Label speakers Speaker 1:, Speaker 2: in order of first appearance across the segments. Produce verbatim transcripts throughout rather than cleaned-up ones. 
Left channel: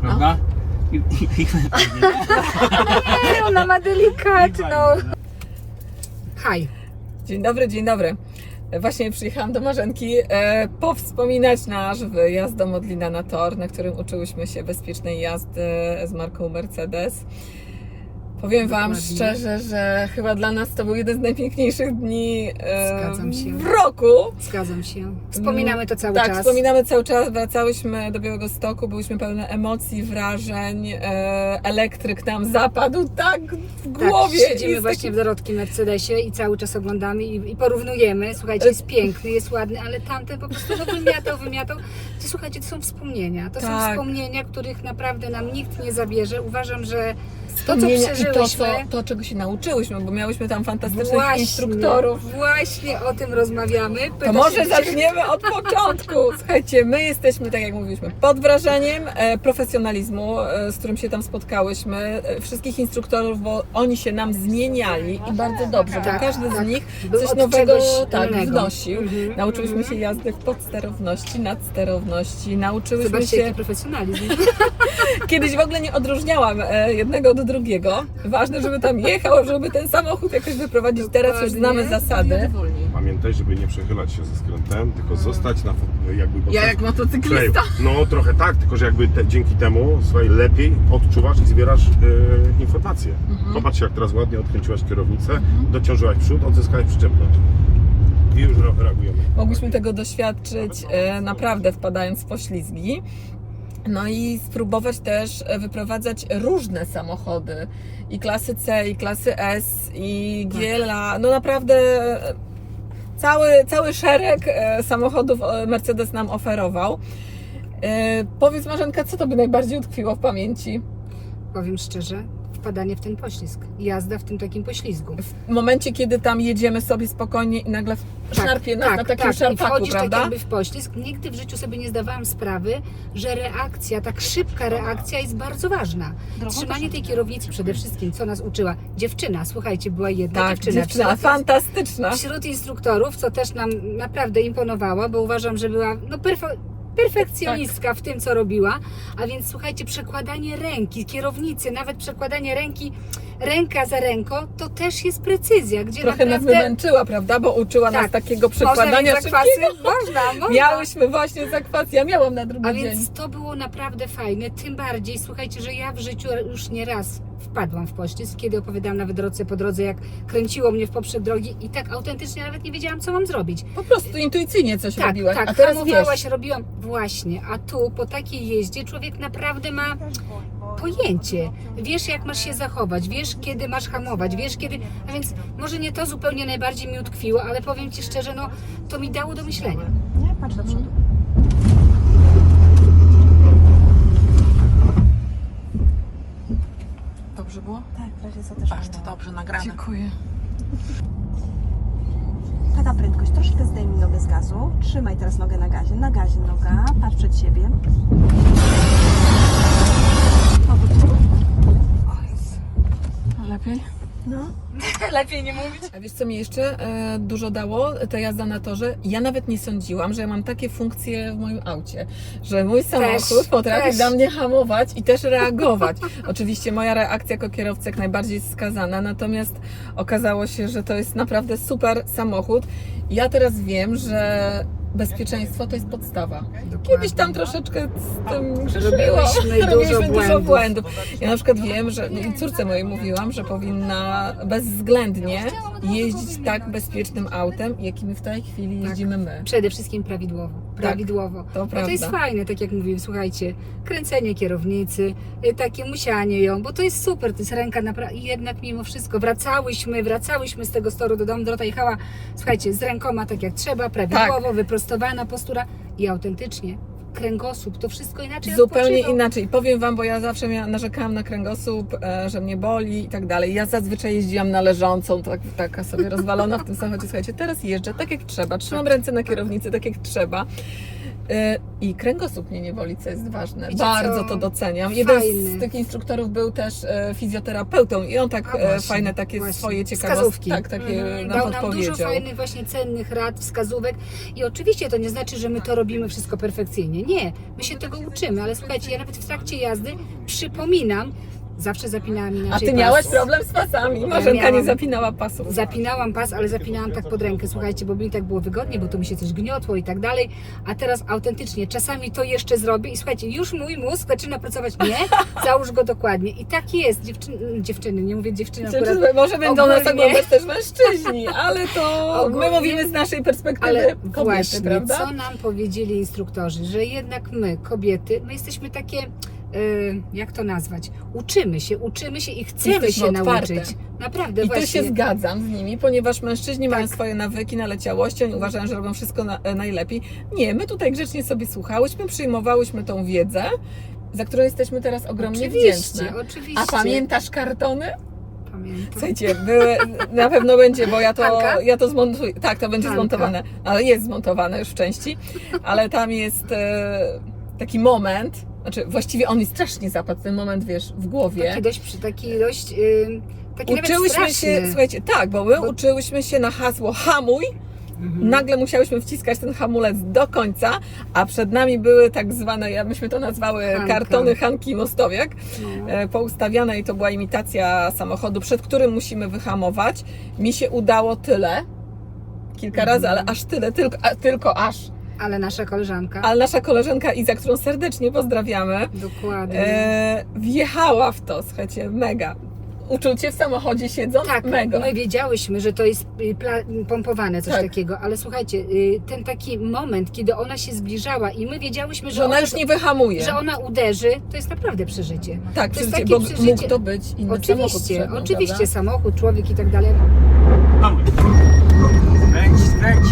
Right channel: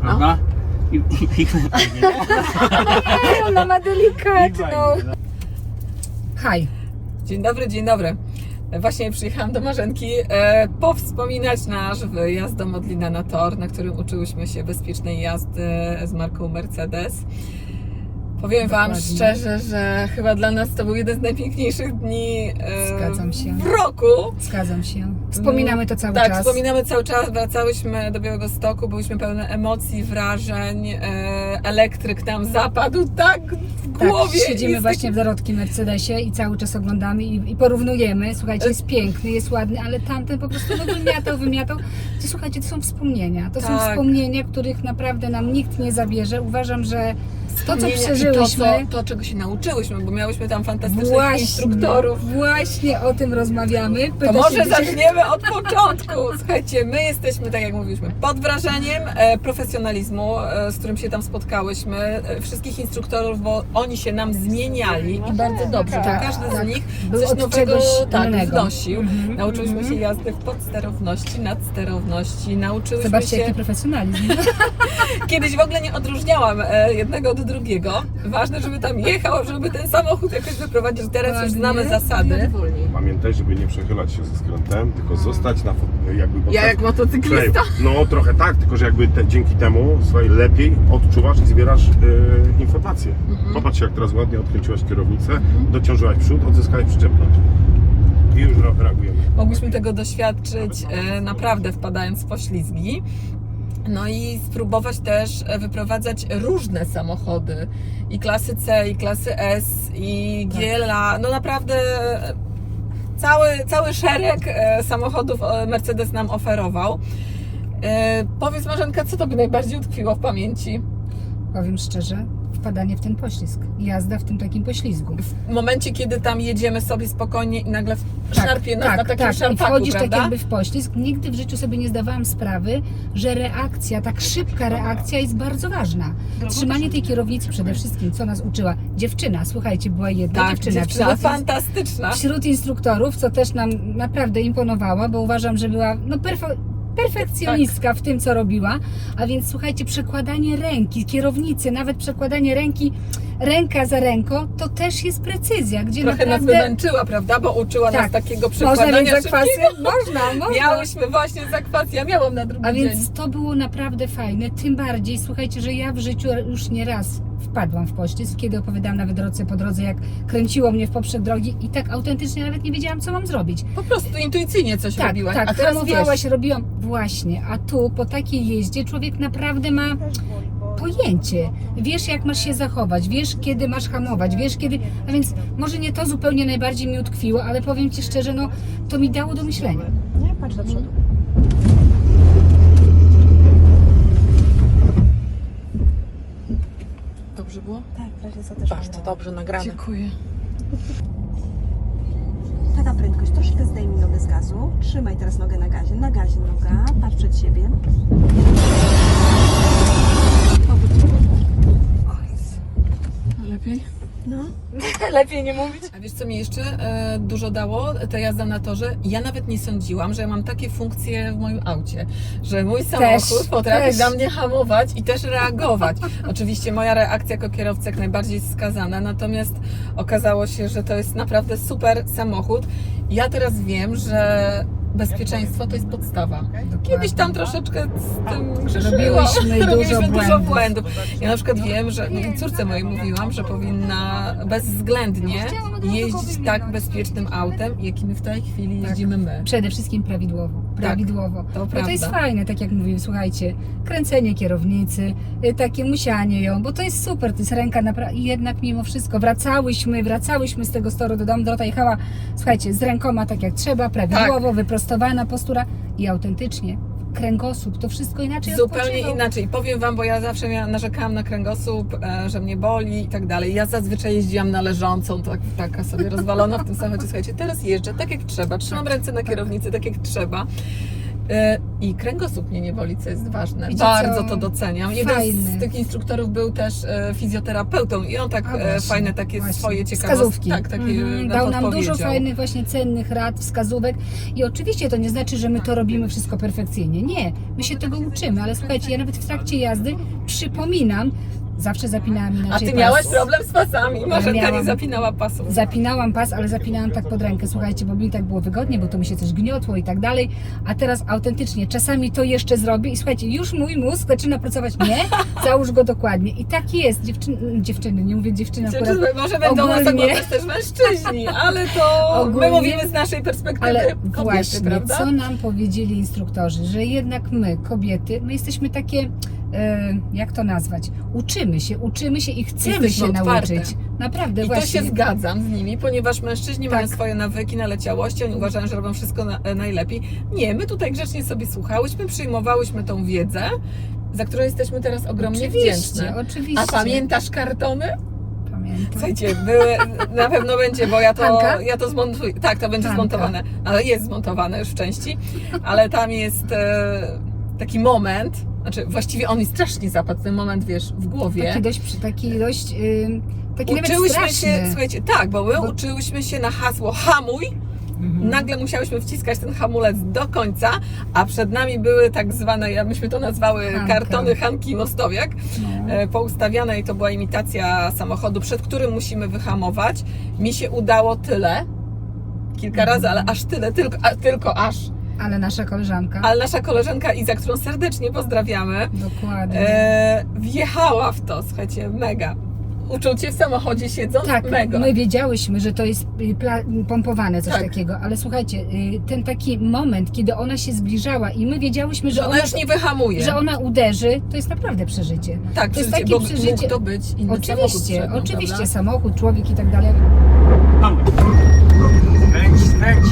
Speaker 1: prawda? I, i, i,
Speaker 2: Nie, ona ma delikatną. Haj. Dzień dobry, dzień dobry. Właśnie przyjechałam do Marzenki e, powspominać nasz wyjazd do Modlina na tor, na którym uczyłyśmy się bezpiecznej jazdy z marką Mercedes. Powiem Wam
Speaker 3: Dokładnie.
Speaker 2: szczerze, że chyba dla nas to był jeden z najpiękniejszych dni e,
Speaker 3: Zgadzam się.
Speaker 2: w roku.
Speaker 3: Zgadzam się. Wspominamy to cały
Speaker 2: tak,
Speaker 3: czas.
Speaker 2: Tak, wspominamy cały czas. Wracałyśmy do Białegostoku, byliśmy pełne emocji, wrażeń. E, elektryk nam zapadł tak w
Speaker 3: Tak,
Speaker 2: głowie.
Speaker 3: siedzimy
Speaker 2: Jest
Speaker 3: właśnie w dorotkim Mercedesie i cały czas oglądamy i, i porównujemy. Słuchajcie, jest piękny, jest ładny, ale tamten po prostu no, wymiatał, wymiatał. I słuchajcie, to są wspomnienia. To są
Speaker 2: Tak.
Speaker 3: wspomnienia, których naprawdę nam nikt nie zabierze. Uważam, że to, co
Speaker 2: I
Speaker 3: przeżyłyśmy...
Speaker 2: To, to, czego się nauczyłyśmy, bo miałyśmy tam fantastycznych
Speaker 3: Właśnie,
Speaker 2: instruktorów.
Speaker 3: Właśnie o tym rozmawiamy.
Speaker 2: To
Speaker 3: Pytasz
Speaker 2: może
Speaker 3: się,
Speaker 2: zaczniemy od początku. Słuchajcie, my jesteśmy, tak jak mówiliśmy, pod wrażeniem e, profesjonalizmu, e, z którym się tam spotkałyśmy, e, wszystkich instruktorów, bo oni się nam zmieniali i bardzo dobrze,
Speaker 3: Tak,
Speaker 2: bo każdy
Speaker 3: tak.
Speaker 2: z nich
Speaker 3: Był
Speaker 2: coś
Speaker 3: od
Speaker 2: nowego
Speaker 3: czegoś
Speaker 2: tak,
Speaker 3: innego.
Speaker 2: wnosił.
Speaker 3: Mhm,
Speaker 2: Nauczyliśmy
Speaker 3: mhm.
Speaker 2: się jazdy podsterowności, nadsterowności, nauczyłyśmy
Speaker 3: Zobaczcie,
Speaker 2: się...
Speaker 3: jaki profesjonalizm.
Speaker 2: Kiedyś w ogóle nie odróżniałam e, jednego do drugiego. Ważne, żeby tam jechał, żeby ten samochód jakoś wyprowadzić. Teraz już znamy zasady.
Speaker 4: Pamiętaj, żeby nie przechylać się ze skrętem, tylko zostać na fo- jakby...
Speaker 5: Ja jak motocyklista.
Speaker 4: No trochę tak, tylko że jakby te, dzięki temu, słuchaj, lepiej odczuwasz i zbierasz e, informacje. Popatrz, jak teraz ładnie odkręciłaś kierownicę, dociążyłaś przód, odzyskałeś przyczepność. I już reagujemy.
Speaker 2: Mogliśmy tego doświadczyć e, naprawdę wpadając w poślizgi. No i spróbować też e, wyprowadzać różne samochody. I klasy C, i klasy S, i G L A. No naprawdę e, cały, cały szereg e, samochodów e, Mercedes nam oferował. E, powiedz Marzenka, co tobie najbardziej utkwiło w pamięci?
Speaker 3: Powiem szczerze, wpadanie w ten poślizg. Jazda w tym takim poślizgu.
Speaker 2: W momencie, kiedy tam jedziemy sobie spokojnie i nagle szarpie nas na takim
Speaker 3: tak. I
Speaker 2: szarpaku,
Speaker 3: wchodzisz
Speaker 2: prawda?
Speaker 3: tak jakby w poślizg. Nigdy w życiu sobie nie zdawałam sprawy, że reakcja, tak szybka reakcja jest bardzo ważna. Trzymanie tej kierownicy przede wszystkim, co nas uczyła dziewczyna. Słuchajcie, była jedna
Speaker 2: Tak,
Speaker 3: dziewczyna.
Speaker 2: dziewczyna
Speaker 3: wśród,
Speaker 2: fantastyczna.
Speaker 3: wśród instruktorów, co też nam naprawdę imponowała, bo uważam, że była no perfo- perfekcjonistka w tym, co robiła. A więc słuchajcie, przekładanie ręki, kierownicy, nawet przekładanie ręki ręka za ręką, to też jest precyzja, gdzie
Speaker 2: Trochę nas
Speaker 3: naprawdę...
Speaker 2: wymęczyła, prawda? Bo uczyła nas
Speaker 3: Tak.
Speaker 2: takiego
Speaker 3: Można
Speaker 2: przekładania
Speaker 3: mieć zakwasy?
Speaker 2: szybkiego.
Speaker 3: Można, można.
Speaker 2: Miałyśmy właśnie zakwasy, ja miałam na drugi
Speaker 3: A
Speaker 2: dzień.
Speaker 3: więc to było naprawdę fajne, tym bardziej, słuchajcie, że ja w życiu już nie raz wpadłam w poślizg, kiedy opowiadałam nawet drodze po drodze, jak kręciło mnie w poprzek drogi i tak autentycznie nawet nie wiedziałam, co mam zrobić.
Speaker 2: Po prostu intuicyjnie coś
Speaker 3: Tak,
Speaker 2: robiłaś,
Speaker 3: tak,
Speaker 2: a teraz
Speaker 3: hamowałaś,
Speaker 2: wiesz,
Speaker 3: robiłam, właśnie, a tu po takiej jeździe człowiek naprawdę ma pojęcie, wiesz jak masz się zachować, wiesz kiedy masz hamować, wiesz kiedy, a więc może nie to zupełnie najbardziej mi utkwiło, ale powiem Ci szczerze, no to mi dało do myślenia.
Speaker 5: Nie, patrz do przodu. Dobrze było?
Speaker 6: Tak, w razie co też
Speaker 5: Bardzo dobrze nagrane.
Speaker 6: Dziękuję. Taka prędkość, troszkę zdejmij nogę z gazu. Trzymaj teraz nogę na gazie. Na gazie noga, patrz przed siebie. Obróć się.
Speaker 5: Lepiej?
Speaker 6: No.
Speaker 2: lepiej nie mówić. A wiesz co mi jeszcze e, dużo dało? Ta jazda na torze. Ja nawet nie sądziłam, że ja mam takie funkcje w moim aucie, że mój samochód
Speaker 3: Też,
Speaker 2: potrafi
Speaker 3: też.
Speaker 2: dla mnie hamować i też reagować. Oczywiście moja reakcja jako kierowcy jak najbardziej jest skazana, natomiast okazało się, że to jest naprawdę super samochód. Ja teraz wiem, że bezpieczeństwo to jest podstawa. Kiedyś tam troszeczkę z tym grzeszyłam,
Speaker 3: Robiłyśmy
Speaker 2: robiliśmy
Speaker 3: dużo
Speaker 2: dużo
Speaker 3: błędów.
Speaker 2: błędów. Ja na przykład wiem, że no, córce mojej mówiłam, że powinna bezwzględnie jeździć tak bezpiecznym autem, jakim w tej chwili jeździmy my.
Speaker 3: Przede wszystkim prawidłowo. Prawidłowo.
Speaker 2: to
Speaker 3: No to jest
Speaker 2: prawda.
Speaker 3: fajne, tak jak mówiłem, słuchajcie, kręcenie kierownicy, y, takie musianie ją, bo to jest super, to jest ręka naprawdę. I jednak mimo wszystko wracałyśmy, wracałyśmy z tego toru do domu, Dorota jechała, słuchajcie, z rękoma tak jak trzeba, prawidłowo,
Speaker 2: Tak.
Speaker 3: wyprostowana postura i autentycznie kręgosłup, to wszystko inaczej
Speaker 2: Zupełnie
Speaker 3: odpoczywał.
Speaker 2: inaczej. Powiem Wam, bo ja zawsze mia- narzekałam na kręgosłup, e, że mnie boli i tak dalej. Ja zazwyczaj jeździłam na leżącą, tak, taka sobie rozwalona w tym samochodzie. Słuchajcie, teraz jeżdżę tak jak trzeba, trzymam ręce na kierownicy tak jak trzeba. E, I kręgosłup mnie nie boli, co jest ważne.
Speaker 3: Wiecie
Speaker 2: Bardzo
Speaker 3: co?
Speaker 2: to doceniam. Jeden
Speaker 3: Fajne.
Speaker 2: z tych instruktorów był też e, fizjoterapeutą i on tak
Speaker 3: A
Speaker 2: e,
Speaker 3: właśnie,
Speaker 2: fajne takie
Speaker 3: właśnie.
Speaker 2: swoje ciekawostki.
Speaker 3: Wskazówki.
Speaker 2: Tak, takie
Speaker 3: Mhm.
Speaker 2: nam
Speaker 3: Dał nam dużo
Speaker 2: podpowiedział.
Speaker 3: fajnych właśnie cennych rad, wskazówek i oczywiście to nie znaczy, że my to robimy wszystko perfekcyjnie. Nie, My się tego uczymy, ale słuchajcie, ja nawet w trakcie jazdy przypominam, zawsze zapinałam
Speaker 2: A
Speaker 3: inaczej
Speaker 2: ty
Speaker 3: pas.
Speaker 2: miałaś problem z pasami? Marzenka nie
Speaker 3: miałam.
Speaker 2: zapinała pasów.
Speaker 3: Zapinałam pas, ale zapinałam tak pod rękę, słuchajcie, bo mi tak było wygodnie, bo to mi się coś gniotło i tak dalej, a teraz autentycznie, czasami to jeszcze zrobię i słuchajcie, już mój mózg zaczyna pracować, nie, załóż go dokładnie i tak jest, dziewczyny, dziewczyny nie mówię dziewczyny akurat,
Speaker 2: Znaczy, może będą nas
Speaker 3: ogólnie-
Speaker 2: oglądać też mężczyźni, ale to
Speaker 3: Ogólnie-
Speaker 2: my mówimy z naszej perspektywy
Speaker 3: ale
Speaker 2: kobiety,
Speaker 3: właśnie,
Speaker 2: prawda?
Speaker 3: co nam powiedzieli instruktorzy, że jednak my, kobiety, my jesteśmy takie, e, jak to nazwać, uczymy się, uczymy się i chcemy
Speaker 2: Jesteśmy
Speaker 3: się
Speaker 2: otwarte.
Speaker 3: nauczyć, naprawdę
Speaker 2: I to
Speaker 3: właśnie.
Speaker 2: się zgadzam z nimi, ponieważ mężczyźni mają
Speaker 3: Tak.
Speaker 2: swoje nawyki, naleciałości, oni uważają, że robią wszystko na, e, najlepiej. Nie, my tutaj grzecznie sobie słuchałyśmy, przyjmowałyśmy tą wiedzę, za którą jesteśmy teraz ogromnie
Speaker 3: Oczywiście,
Speaker 2: wdzięczne.
Speaker 3: oczywiście.
Speaker 2: A pamiętasz kartony?
Speaker 3: Pamiętam.
Speaker 2: Słuchajcie, były, na pewno będzie, bo ja to,
Speaker 3: Hanka?
Speaker 2: ja to zmontuję. Tak, to będzie
Speaker 3: Hanka.
Speaker 2: zmontowane, ale jest zmontowane już w części, ale tam jest e, taki moment, znaczy właściwie on mi strasznie zapadł, ten moment, wiesz, w głowie.
Speaker 3: Taki dość, przy- taki dość, yy, taki nawet
Speaker 2: Uczyłyśmy
Speaker 3: straszny.
Speaker 2: się, słuchajcie, tak, bo my
Speaker 3: Bo-
Speaker 2: uczyłyśmy się na hasło hamuj,
Speaker 3: Mhm.
Speaker 2: nagle musiałyśmy wciskać ten hamulec do końca, a przed nami były tak zwane, ja myśmy to nazwały
Speaker 3: Hanka.
Speaker 2: kartony Hanki Mostowiak,
Speaker 3: No.
Speaker 2: e, poustawiane i to była imitacja samochodu, przed którym musimy wyhamować. Mi się udało tyle, kilka
Speaker 3: Mhm.
Speaker 2: razy, ale aż tyle, tylko, a, tylko aż.
Speaker 3: Ale nasza koleżanka,
Speaker 2: Ale nasza koleżanka Iza, którą serdecznie pozdrawiamy,
Speaker 3: dokładnie.
Speaker 2: e, wjechała w to, słuchajcie, mega. Uczucie w samochodzie siedząc,
Speaker 3: Tak,
Speaker 2: mega.
Speaker 3: my wiedziałyśmy, że to jest y, pla- pompowane, coś
Speaker 2: Tak.
Speaker 3: takiego, ale słuchajcie, y, ten taki moment, kiedy ona się zbliżała i my wiedziałyśmy, że,
Speaker 2: że ona już nie wyhamuje.
Speaker 3: że ona uderzy, to jest naprawdę przeżycie.
Speaker 2: Tak,
Speaker 3: to jest
Speaker 2: przeżycie,
Speaker 3: takie
Speaker 2: bo
Speaker 3: przeżycie.
Speaker 2: mógł to być inny samochód
Speaker 3: Oczywiście,
Speaker 2: przed nią,
Speaker 3: oczywiście,
Speaker 2: prawda?
Speaker 3: samochód, człowiek i tak dalej.
Speaker 1: Skręć, skręć.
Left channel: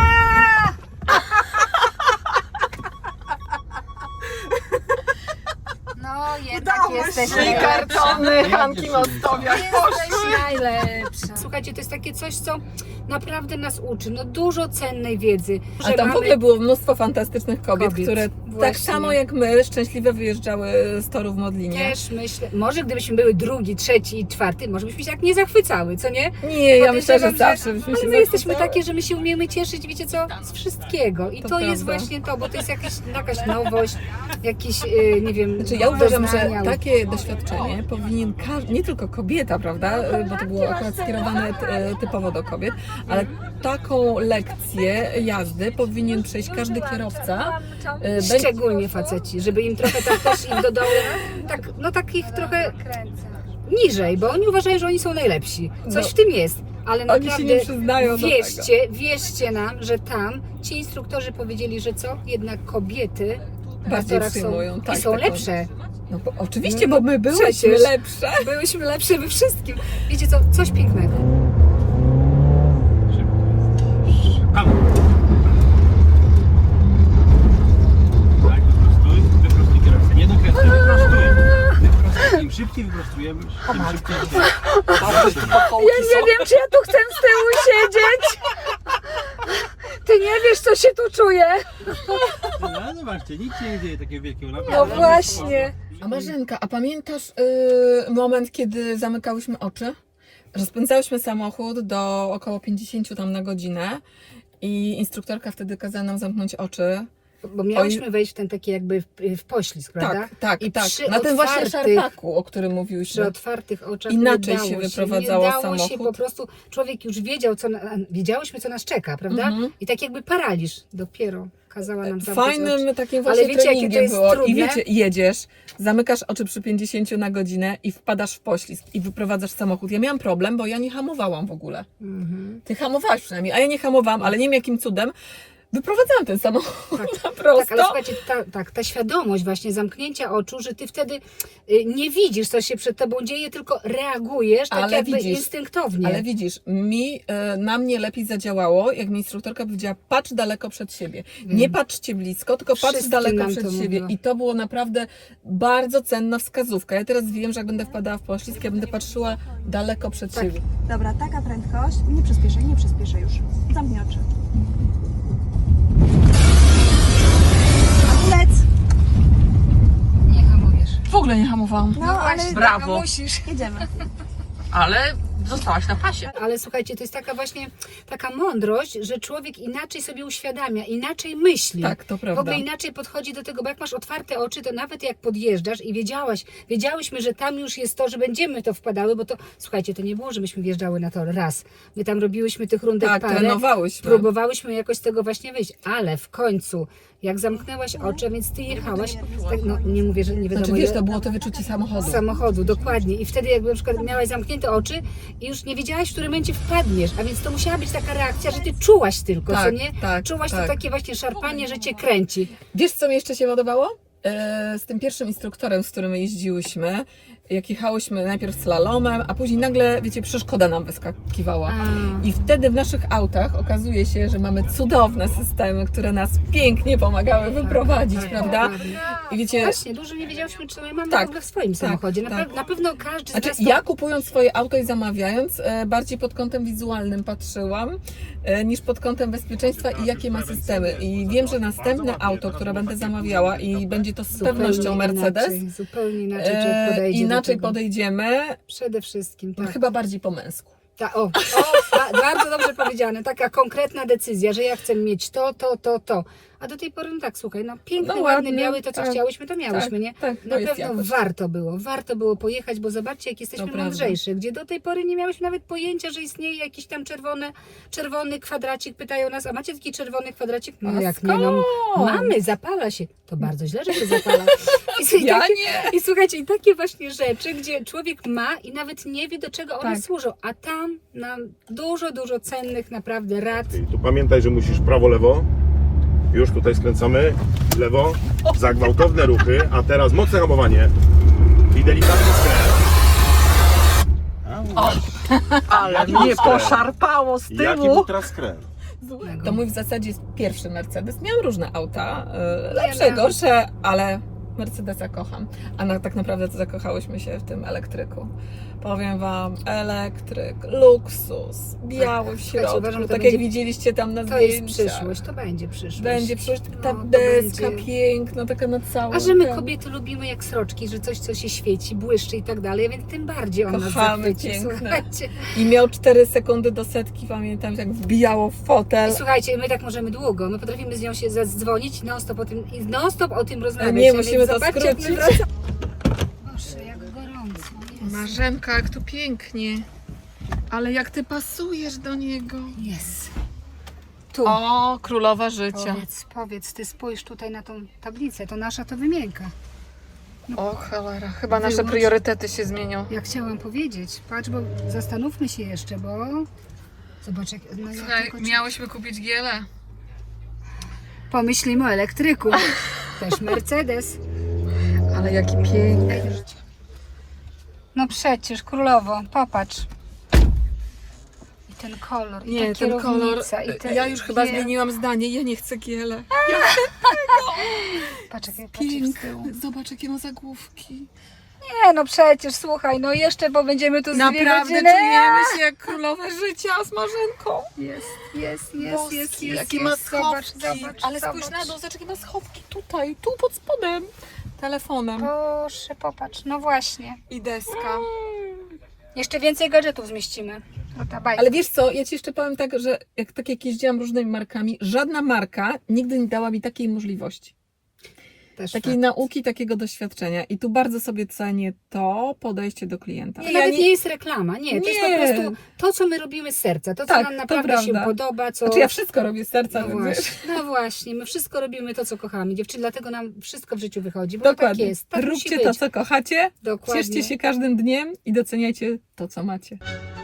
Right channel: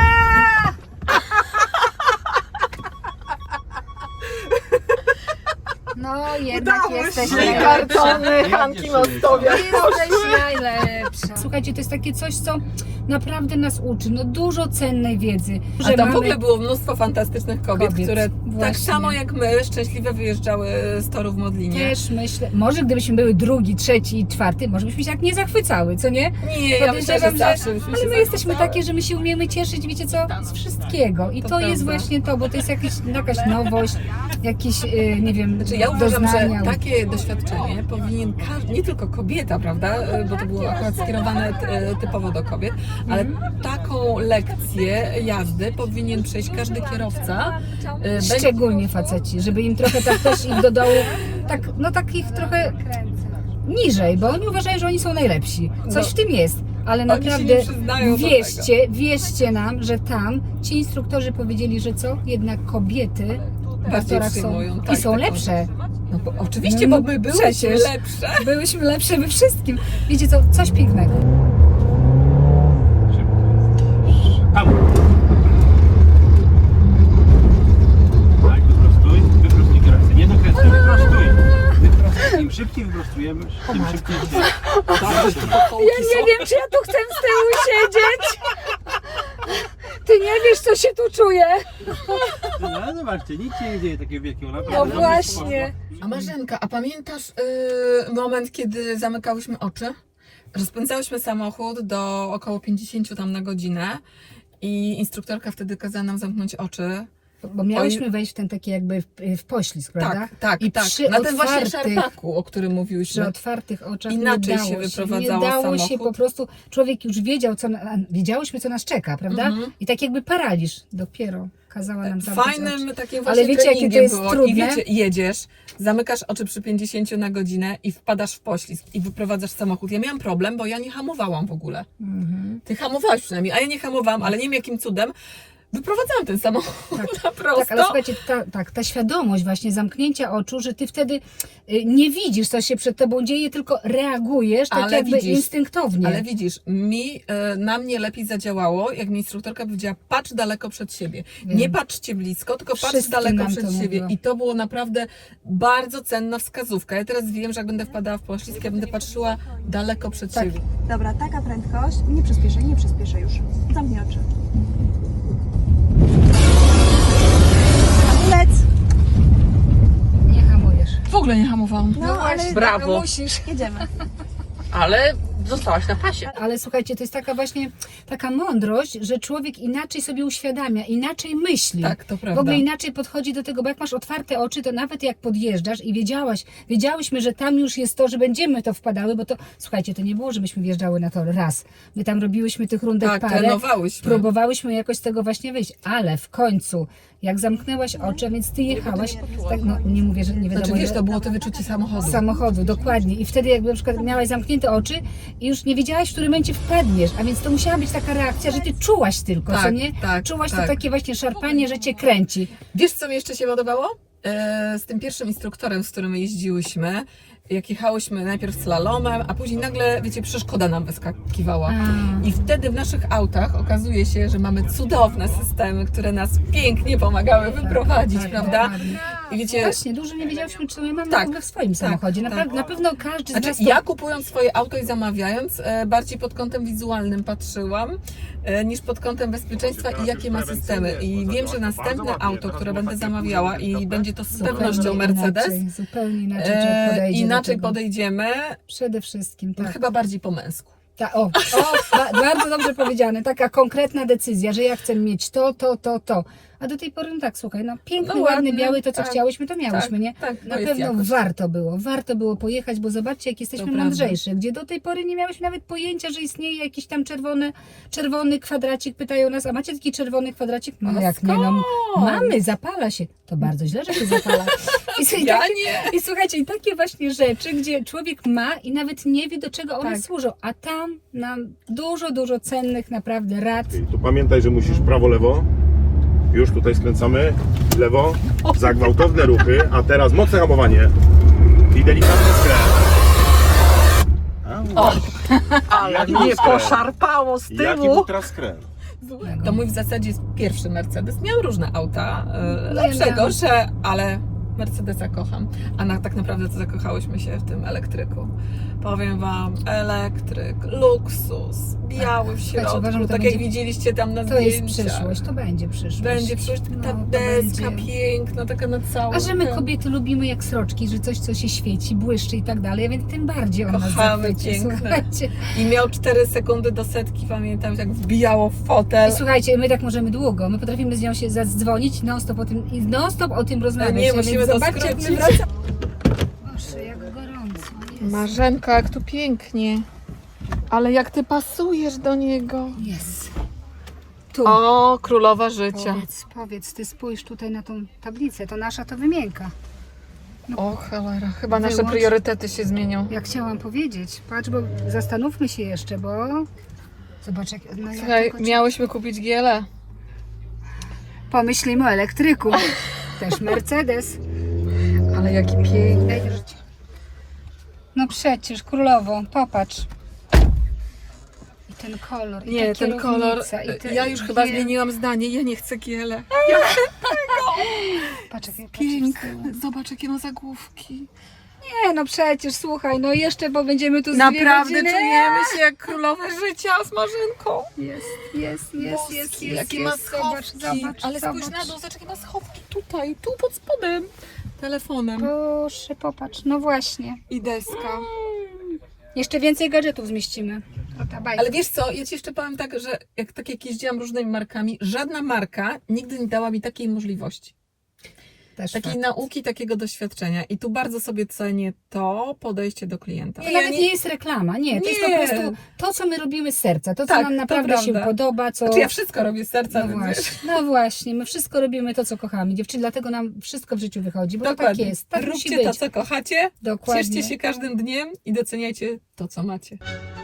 Speaker 3: No jednak
Speaker 2: Trzy kartony Hanki Mostowiak poszły.
Speaker 3: najlepsza. Słuchajcie, to jest takie coś, co naprawdę nas uczy, no dużo cennej wiedzy.
Speaker 2: A tam w ogóle było mnóstwo fantastycznych kobiet,
Speaker 3: Kobiet,
Speaker 2: które tak
Speaker 3: właśnie.
Speaker 2: samo jak my szczęśliwie wyjeżdżały z toru w Modlinie.
Speaker 3: Też myślę, może gdybyśmy były drugi, trzeci i czwarty, może byśmy się tak nie zachwycały, co nie?
Speaker 2: Nie, ja myślę, że
Speaker 3: Podejrzewam,
Speaker 2: zawsze byśmy
Speaker 3: Ale
Speaker 2: się
Speaker 3: my jesteśmy
Speaker 2: zachwycały.
Speaker 3: takie, że my się umiemy cieszyć, wiecie co, z wszystkiego. I
Speaker 2: To
Speaker 3: to, jest
Speaker 2: prawda.
Speaker 3: właśnie to, bo to jest jakaś, jakaś nowość, jakiś, yy, nie wiem,
Speaker 2: Znaczy, ja uważam,
Speaker 3: doznania.
Speaker 2: że takie doświadczenie powinien każdy, nie tylko kobieta, prawda, bo to było akurat skierowane e, typowo do kobiet, ale taką lekcję jazdy powinien przejść każdy kierowca. e, będzie-
Speaker 3: Szczególnie faceci, żeby im trochę tak też im do dołu, tak, no takich trochę niżej, bo oni uważają, że oni są najlepsi. Coś
Speaker 2: No.
Speaker 3: w tym jest. Ale
Speaker 2: Oni się
Speaker 3: naprawdę
Speaker 2: nie przyznają do
Speaker 3: wierzcie, wierzcie nam, że tam ci instruktorzy powiedzieli, że co? Jednak kobiety w
Speaker 2: Bardziej
Speaker 3: torach są
Speaker 2: przyjmują,
Speaker 3: i
Speaker 2: tak,
Speaker 3: są
Speaker 2: taką-
Speaker 3: lepsze.
Speaker 2: No, bo oczywiście,
Speaker 3: No,
Speaker 2: bo my byłyśmy
Speaker 3: przecież.
Speaker 2: lepsze.
Speaker 3: Byłyśmy lepsze we wszystkim. Wiecie co? Coś pięknego.
Speaker 1: Tam. Tak, wyprostuj, wyprostuj kierowcę. Nie dokręcuj, wyprostuj. Wyprostuj. Im szybciej wyprostujemy, tym szybciej.
Speaker 3: Ja nie wiem, czy ja tu chcę z tyłu siedzieć. Ty nie wiesz, co się tu czuję.
Speaker 1: No zobaczcie, nic się nie dzieje takiego wielkiego.
Speaker 3: No
Speaker 1: Naprawdę.
Speaker 3: właśnie.
Speaker 2: A Marzenka, a pamiętasz yy, moment, kiedy zamykałyśmy oczy? Rozpędzałyśmy samochód do około pięćdziesiąt tam na godzinę i instruktorka wtedy kazała nam zamknąć oczy.
Speaker 3: Bo miałyśmy wejść w ten taki jakby w, w poślizg, prawda?
Speaker 2: Tak, tak,
Speaker 3: I
Speaker 2: tak.
Speaker 3: przy
Speaker 2: Na ten właśnie
Speaker 3: otwartych-
Speaker 2: szarpaku, o którym
Speaker 3: Przy
Speaker 2: mówiłyśmy.
Speaker 3: otwartych oczach
Speaker 2: Inaczej
Speaker 3: nie dało
Speaker 2: się
Speaker 3: się,
Speaker 2: wyprowadzało
Speaker 3: nie dało się
Speaker 2: samochód.
Speaker 3: po prostu, człowiek już wiedział, co na, wiedziałyśmy, co nas czeka, prawda?
Speaker 2: Mhm.
Speaker 3: I tak jakby paraliż dopiero kazała nam zamknąć oczy.
Speaker 2: Fajnym takim właśnie
Speaker 3: Ale wiecie, jakie to
Speaker 2: treningiem
Speaker 3: jest
Speaker 2: było.
Speaker 3: trudne?
Speaker 2: I wiecie, jedziesz, zamykasz oczy przy pięćdziesiąt na godzinę i wpadasz w poślizg i wyprowadzasz samochód. Ja miałam problem, bo ja nie hamowałam w ogóle.
Speaker 3: Mhm.
Speaker 2: Ty hamowałaś przynajmniej, a ja nie hamowałam, ale nie wiem jakim cudem. Wyprowadzałam ten samochód
Speaker 3: Tak.
Speaker 2: na prosto.
Speaker 3: Tak, ale słuchajcie, ta, tak, ta świadomość właśnie zamknięcia oczu, że ty wtedy y, nie widzisz, co się przed tobą dzieje, tylko reagujesz tak
Speaker 2: Ale
Speaker 3: jakby
Speaker 2: widzisz,
Speaker 3: instynktownie.
Speaker 2: Ale widzisz, mi, e, na mnie lepiej zadziałało, jak mi instruktorka powiedziała, patrz daleko przed siebie.
Speaker 3: Wiem.
Speaker 2: Nie patrzcie blisko, tylko patrz
Speaker 3: Wszystkim
Speaker 2: daleko
Speaker 3: nam
Speaker 2: przed
Speaker 3: to
Speaker 2: siebie.
Speaker 3: mówiła.
Speaker 2: I to było naprawdę bardzo cenna wskazówka. Ja teraz wiem, że jak będę wpadała w poślizg, ja będę patrzyła daleko przed
Speaker 3: Tak.
Speaker 2: siebie.
Speaker 6: Dobra, taka prędkość. Nie przyspieszaj, nie przyspieszaj już. Zamknij oczy. Hamulec!
Speaker 5: W ogóle nie hamowałam.
Speaker 6: No, ale
Speaker 5: Brawo.
Speaker 6: musisz. Jedziemy.
Speaker 5: Ale Zostałaś na pasie.
Speaker 3: Ale słuchajcie, to jest taka właśnie taka mądrość, że człowiek inaczej sobie uświadamia, inaczej myśli.
Speaker 2: Tak, to
Speaker 3: W
Speaker 2: prawda.
Speaker 3: ogóle inaczej podchodzi do tego, bo jak masz otwarte oczy, to nawet jak podjeżdżasz i wiedziałaś, wiedziałyśmy, że tam już jest to, że będziemy to wpadały, bo to, słuchajcie, to nie było, że myśmy wjeżdżały na tor raz. My tam robiłyśmy tych rundek
Speaker 2: Tak,
Speaker 3: parę,
Speaker 2: trenowałyśmy.
Speaker 3: próbowałyśmy jakoś z tego właśnie wyjść, ale w końcu, jak zamknęłaś oczy, a więc ty jechałaś, tak, no nie mówię, że nie wiadomo,
Speaker 2: Znaczy wiesz,
Speaker 3: ile-
Speaker 2: to było to wyczucie samochodu.
Speaker 3: samochodu, dokładnie. I wtedy jakby na przykład miałaś zamknięte oczy i już nie wiedziałaś, w którym momencie wpadniesz, a więc to musiała być taka reakcja, że ty czułaś tylko,
Speaker 2: Tak,
Speaker 3: co nie?
Speaker 2: tak,
Speaker 3: Czułaś
Speaker 2: tak.
Speaker 3: to takie właśnie szarpanie, że cię kręci.
Speaker 2: Wiesz, co mi jeszcze się podobało? E, z tym pierwszym instruktorem, z którym jeździłyśmy, jak jechałyśmy najpierw slalomem, a później nagle, wiecie, przeszkoda nam wyskakiwała. I wtedy w naszych autach okazuje się, że mamy cudowne systemy, które nas pięknie pomagały wyprowadzić, prawda? I wiecie,
Speaker 3: Właśnie, dużo nie wiedziałyśmy, czy my mamy
Speaker 2: Tak,
Speaker 3: w ogóle w swoim
Speaker 2: tak,
Speaker 3: samochodzie. Na,
Speaker 2: tak.
Speaker 3: pe- na pewno każdy z
Speaker 2: znaczy,
Speaker 3: nas to...
Speaker 2: ja kupując swoje auto i zamawiając, e, bardziej pod kątem wizualnym patrzyłam, e, niż pod kątem bezpieczeństwa i jakie ma systemy. I wiem, że następne auto, które będę zamawiała i będzie to z pewnością Mercedes,
Speaker 3: Inaczej, zupełnie inaczej
Speaker 2: e,
Speaker 3: człowiek podejdzie
Speaker 2: inaczej
Speaker 3: do tego.
Speaker 2: podejdziemy,
Speaker 3: Przede wszystkim, tak.
Speaker 2: chyba bardziej po męsku.
Speaker 3: Ta, o, o ba, bardzo dobrze powiedziane. Taka konkretna decyzja, że ja chcę mieć to, to, to, to. A do tej pory, no tak, słuchaj, no piękne,
Speaker 2: No
Speaker 3: ładne,
Speaker 2: ładnie,
Speaker 3: miały to, co
Speaker 2: tak,
Speaker 3: chciałyśmy, to miałyśmy,
Speaker 2: tak,
Speaker 3: nie?
Speaker 2: tak, to
Speaker 3: Na
Speaker 2: jest
Speaker 3: pewno
Speaker 2: jakość.
Speaker 3: warto było, warto było pojechać, bo zobaczcie, jak jesteśmy
Speaker 2: To prawda.
Speaker 3: mądrzejsi, gdzie do tej pory nie miałyśmy nawet pojęcia, że istnieje jakiś tam czerwony, czerwony kwadracik, pytają nas, a macie taki czerwony kwadracik? No
Speaker 2: A
Speaker 3: jak nie, no
Speaker 2: skąd?
Speaker 3: mamy, zapala się. To bardzo źle, że się zapala. I, i,
Speaker 2: Ja
Speaker 3: takie,
Speaker 2: nie.
Speaker 3: I słuchajcie, i takie właśnie rzeczy, gdzie człowiek ma i nawet nie wie, do czego one
Speaker 2: Tak.
Speaker 3: służą, a tam nam dużo, dużo cennych naprawdę rad.
Speaker 4: I tu pamiętaj, że musisz prawo, lewo. Już tutaj skręcamy. Lewo. Za gwałtowne ruchy. A teraz mocne hamowanie. I delikatny skręt.
Speaker 2: O!
Speaker 4: Jaki był skręt?
Speaker 2: Szarpało z
Speaker 4: Jaki był teraz skręt?
Speaker 2: To mój w zasadzie jest pierwszy Mercedes. Miałam różne auta, e,
Speaker 3: No ja
Speaker 2: lepsze,
Speaker 3: miałam.
Speaker 2: gorsze, ale Mercedesa kocham. A na, tak naprawdę to zakochałyśmy się w tym elektryku. Powiem Wam, elektryk, luksus, biały w
Speaker 3: Słuchajcie,
Speaker 2: środku,
Speaker 3: uważam, że to
Speaker 2: tak
Speaker 3: będzie-
Speaker 2: jak widzieliście tam na
Speaker 3: To jest
Speaker 2: zdjęciach.
Speaker 3: przyszłość, to będzie przyszłość.
Speaker 2: Będzie przyszłość, ta
Speaker 3: No, to
Speaker 2: deska
Speaker 3: będzie-
Speaker 2: piękna, taka na całą.
Speaker 3: A że my
Speaker 2: ten-
Speaker 3: kobiety lubimy jak sroczki, że coś, co się świeci, błyszczy i tak dalej, a więc tym bardziej on nas
Speaker 2: Kochamy,
Speaker 3: zachwyci.
Speaker 2: piękne.
Speaker 3: Słuchajcie.
Speaker 2: I miał cztery sekundy do setki, pamiętam, jak wbijało w fotel.
Speaker 3: I słuchajcie, my tak możemy długo, my potrafimy z nią się zadzwonić non-stop o tym, i non-stop o tym rozmawiać.
Speaker 2: Nie,
Speaker 3: a więc
Speaker 2: musimy to
Speaker 3: zobaczcie, jak my
Speaker 2: skrócić.
Speaker 3: wracamy. Boże, jak gorąco. Jest.
Speaker 5: Marzenka, jak tu pięknie. Ale jak ty pasujesz do niego.
Speaker 3: Jest. Tu.
Speaker 2: O, królowa życia.
Speaker 3: Powiedz, powiedz, ty spójrz tutaj na tą tablicę, to nasza to wymienka.
Speaker 5: O cholera, chyba nasze
Speaker 3: Wyłącz.
Speaker 5: priorytety się zmienią.
Speaker 3: Ja chciałam powiedzieć, patrz, bo zastanówmy się jeszcze, bo zobacz, jak, no ja
Speaker 5: Słuchaj,
Speaker 3: tylko-
Speaker 5: miałyśmy kupić giele.
Speaker 3: pomyślimy o elektryku. Też Mercedes.
Speaker 5: Ale jaki piękny.
Speaker 3: Daj wierzyć. No przecież, królowo, popatrz. I ten kolor, i
Speaker 5: Nie,
Speaker 3: ta
Speaker 5: ten kolor.
Speaker 3: kierownica, i te
Speaker 5: Ja już chyba
Speaker 3: giel.
Speaker 5: zmieniłam zdanie. Ja nie chcę giele.
Speaker 3: Patrz, jak ja patrzę z tyłu.
Speaker 5: Piękny. Zobacz, jakie ma zagłówki.
Speaker 3: Nie, no przecież, słuchaj, no jeszcze, bo będziemy tu z dwie
Speaker 5: Naprawdę
Speaker 3: godziny.
Speaker 5: czujemy się jak królowe życia z Marzenką.
Speaker 3: Jest, jest, jest, jest, jest,
Speaker 5: Jakie ma
Speaker 3: jest. Zobacz,
Speaker 5: schowki.
Speaker 3: zobacz,
Speaker 5: Ale spójrz
Speaker 3: zobacz.
Speaker 5: na dół, zobacz, jakie ma schowki tutaj, tu pod spodem. Telefonem.
Speaker 3: Proszę, popatrz, no właśnie.
Speaker 5: I deska.
Speaker 3: Jeszcze więcej gadżetów zmieścimy. Ta bajka.
Speaker 2: Ale wiesz co, ja Ci jeszcze powiem tak, że jak, tak jak jeździłam różnymi markami, żadna marka nigdy nie dała mi takiej możliwości.
Speaker 3: Też
Speaker 2: Takiej
Speaker 3: fakt.
Speaker 2: nauki, takiego doświadczenia. I tu bardzo sobie cenię to podejście do klienta.
Speaker 3: To
Speaker 2: Ja
Speaker 3: nawet nie... jest reklama, nie, to jest po
Speaker 2: Nie.
Speaker 3: prostu to, co my robimy z serca, to, co
Speaker 2: Tak,
Speaker 3: nam
Speaker 2: to
Speaker 3: naprawdę się
Speaker 2: prawda.
Speaker 3: podoba, co...
Speaker 2: Znaczy ja wszystko robię z serca,
Speaker 3: No
Speaker 2: więc wiesz.
Speaker 3: właśnie, no właśnie, my wszystko robimy to, co kochamy, dziewczyny, dlatego nam wszystko w życiu wychodzi, bo to tak
Speaker 2: Dokładnie.
Speaker 3: jest, tak musi
Speaker 2: Róbcie
Speaker 3: być.
Speaker 2: to, co kochacie,
Speaker 3: Dokładnie.
Speaker 2: cieszcie się każdym dniem i doceniajcie to, co macie.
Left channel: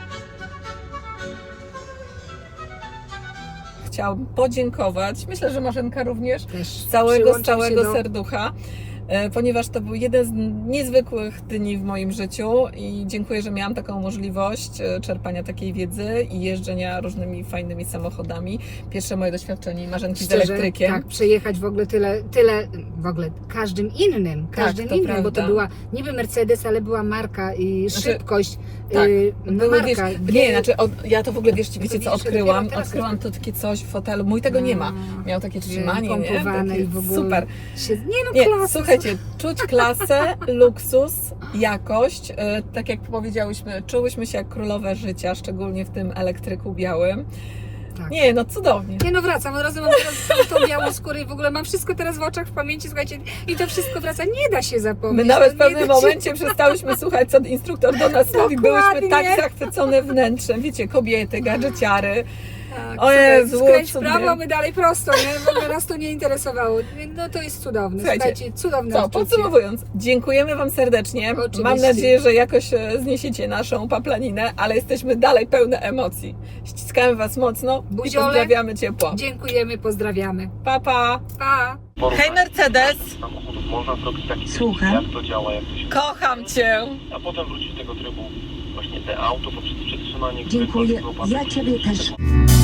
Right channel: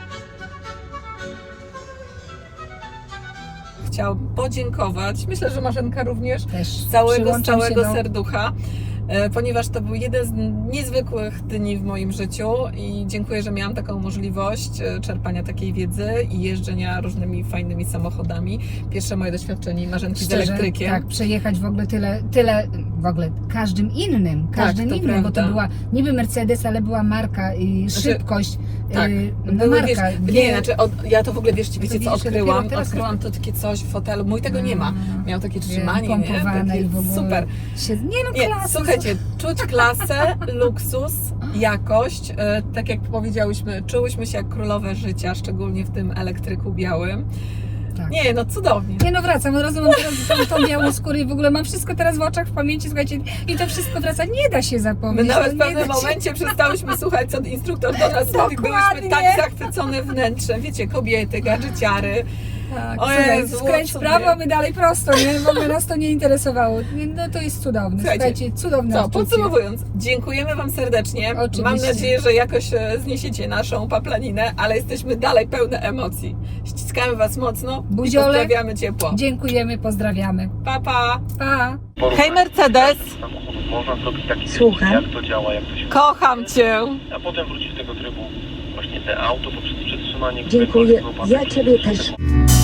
Speaker 2: Chciałam podziękować, myślę, że Marzenka również,
Speaker 3: Też
Speaker 2: z całego, z
Speaker 3: przyłączam się
Speaker 2: całego
Speaker 3: do...
Speaker 2: serducha, e, ponieważ to był jeden z niezwykłych dni w moim życiu i dziękuję, że miałam taką możliwość e, czerpania takiej wiedzy i jeżdżenia różnymi fajnymi samochodami. Pierwsze moje doświadczenie Marzenki z
Speaker 3: Szczerze,
Speaker 2: elektrykiem.
Speaker 3: tak, przejechać w ogóle tyle, tyle, w ogóle każdym innym, każdym
Speaker 2: to
Speaker 3: innym, bo to
Speaker 2: prawda.
Speaker 3: była niby Mercedes, ale była marka i
Speaker 2: Znaczy,
Speaker 3: szybkość,
Speaker 2: tak,
Speaker 3: y, no
Speaker 2: były,
Speaker 3: marka.
Speaker 2: wiesz, nie, znaczy od, ja to w ogóle, wiesz, wiecie co
Speaker 3: widzisz,
Speaker 2: odkryłam?
Speaker 3: dopiero teraz-
Speaker 2: Odkryłam to takie coś w fotelu, mój tego nie ma. Miał takie trzymanie, nie?
Speaker 3: pompowane
Speaker 2: Takie
Speaker 3: i w ogóle.
Speaker 2: super.
Speaker 3: Się, nie no,
Speaker 2: Nie,
Speaker 3: klasa,
Speaker 2: słuchajcie, Słuchajcie, czuć klasę, luksus, jakość. E, tak jak powiedziałyśmy, czułyśmy się jak królowe życia, szczególnie w tym elektryku białym.
Speaker 3: Tak.
Speaker 2: Nie, no cudownie.
Speaker 3: Nie no, wracam, od razu mam teraz tą, tą białą skórę i w ogóle mam wszystko teraz w oczach, w pamięci, słuchajcie, i to wszystko wraca, nie da się
Speaker 2: My
Speaker 3: zapomnieć.
Speaker 2: nawet w
Speaker 3: no, nie
Speaker 2: pewnym
Speaker 3: da się-
Speaker 2: momencie przestałyśmy słuchać, co instruktor do nas mówi. Byłyśmy
Speaker 3: Dokładnie.
Speaker 2: tak zachwycone wnętrzem. Wiecie, kobiety, gadżeciary.
Speaker 3: Tak,
Speaker 2: O
Speaker 3: słuchaj,
Speaker 2: Jezu,
Speaker 3: skręć
Speaker 2: cudnie.
Speaker 3: prawo, my dalej prosto, nie? W ogóle nas to nie interesowało. No to jest cudowne,
Speaker 2: Słuchajcie,
Speaker 3: słuchajcie, cudowne
Speaker 2: Co,
Speaker 3: odczucie.
Speaker 2: podsumowując, dziękujemy Wam serdecznie.
Speaker 3: Oczywiście.
Speaker 2: Mam nadzieję, że jakoś e, zniesiecie naszą paplaninę, ale jesteśmy dalej pełne emocji. Ściskamy Was mocno i
Speaker 3: Buziole.
Speaker 2: pozdrawiamy ciepło.
Speaker 3: Dziękujemy, pozdrawiamy.
Speaker 2: Pa, pa.
Speaker 3: Pa!
Speaker 2: Hej Mercedes,
Speaker 7: samochodów można zrobić taki
Speaker 8: Słucham.
Speaker 7: filmik, jak to działa, jak to się
Speaker 2: kocham Cię.
Speaker 7: a potem wrócić z tego trybu właśnie te auto poprzez przetrzymanie
Speaker 8: Dziękuję.
Speaker 7: któregokolwiek
Speaker 8: Ja Ciebie też.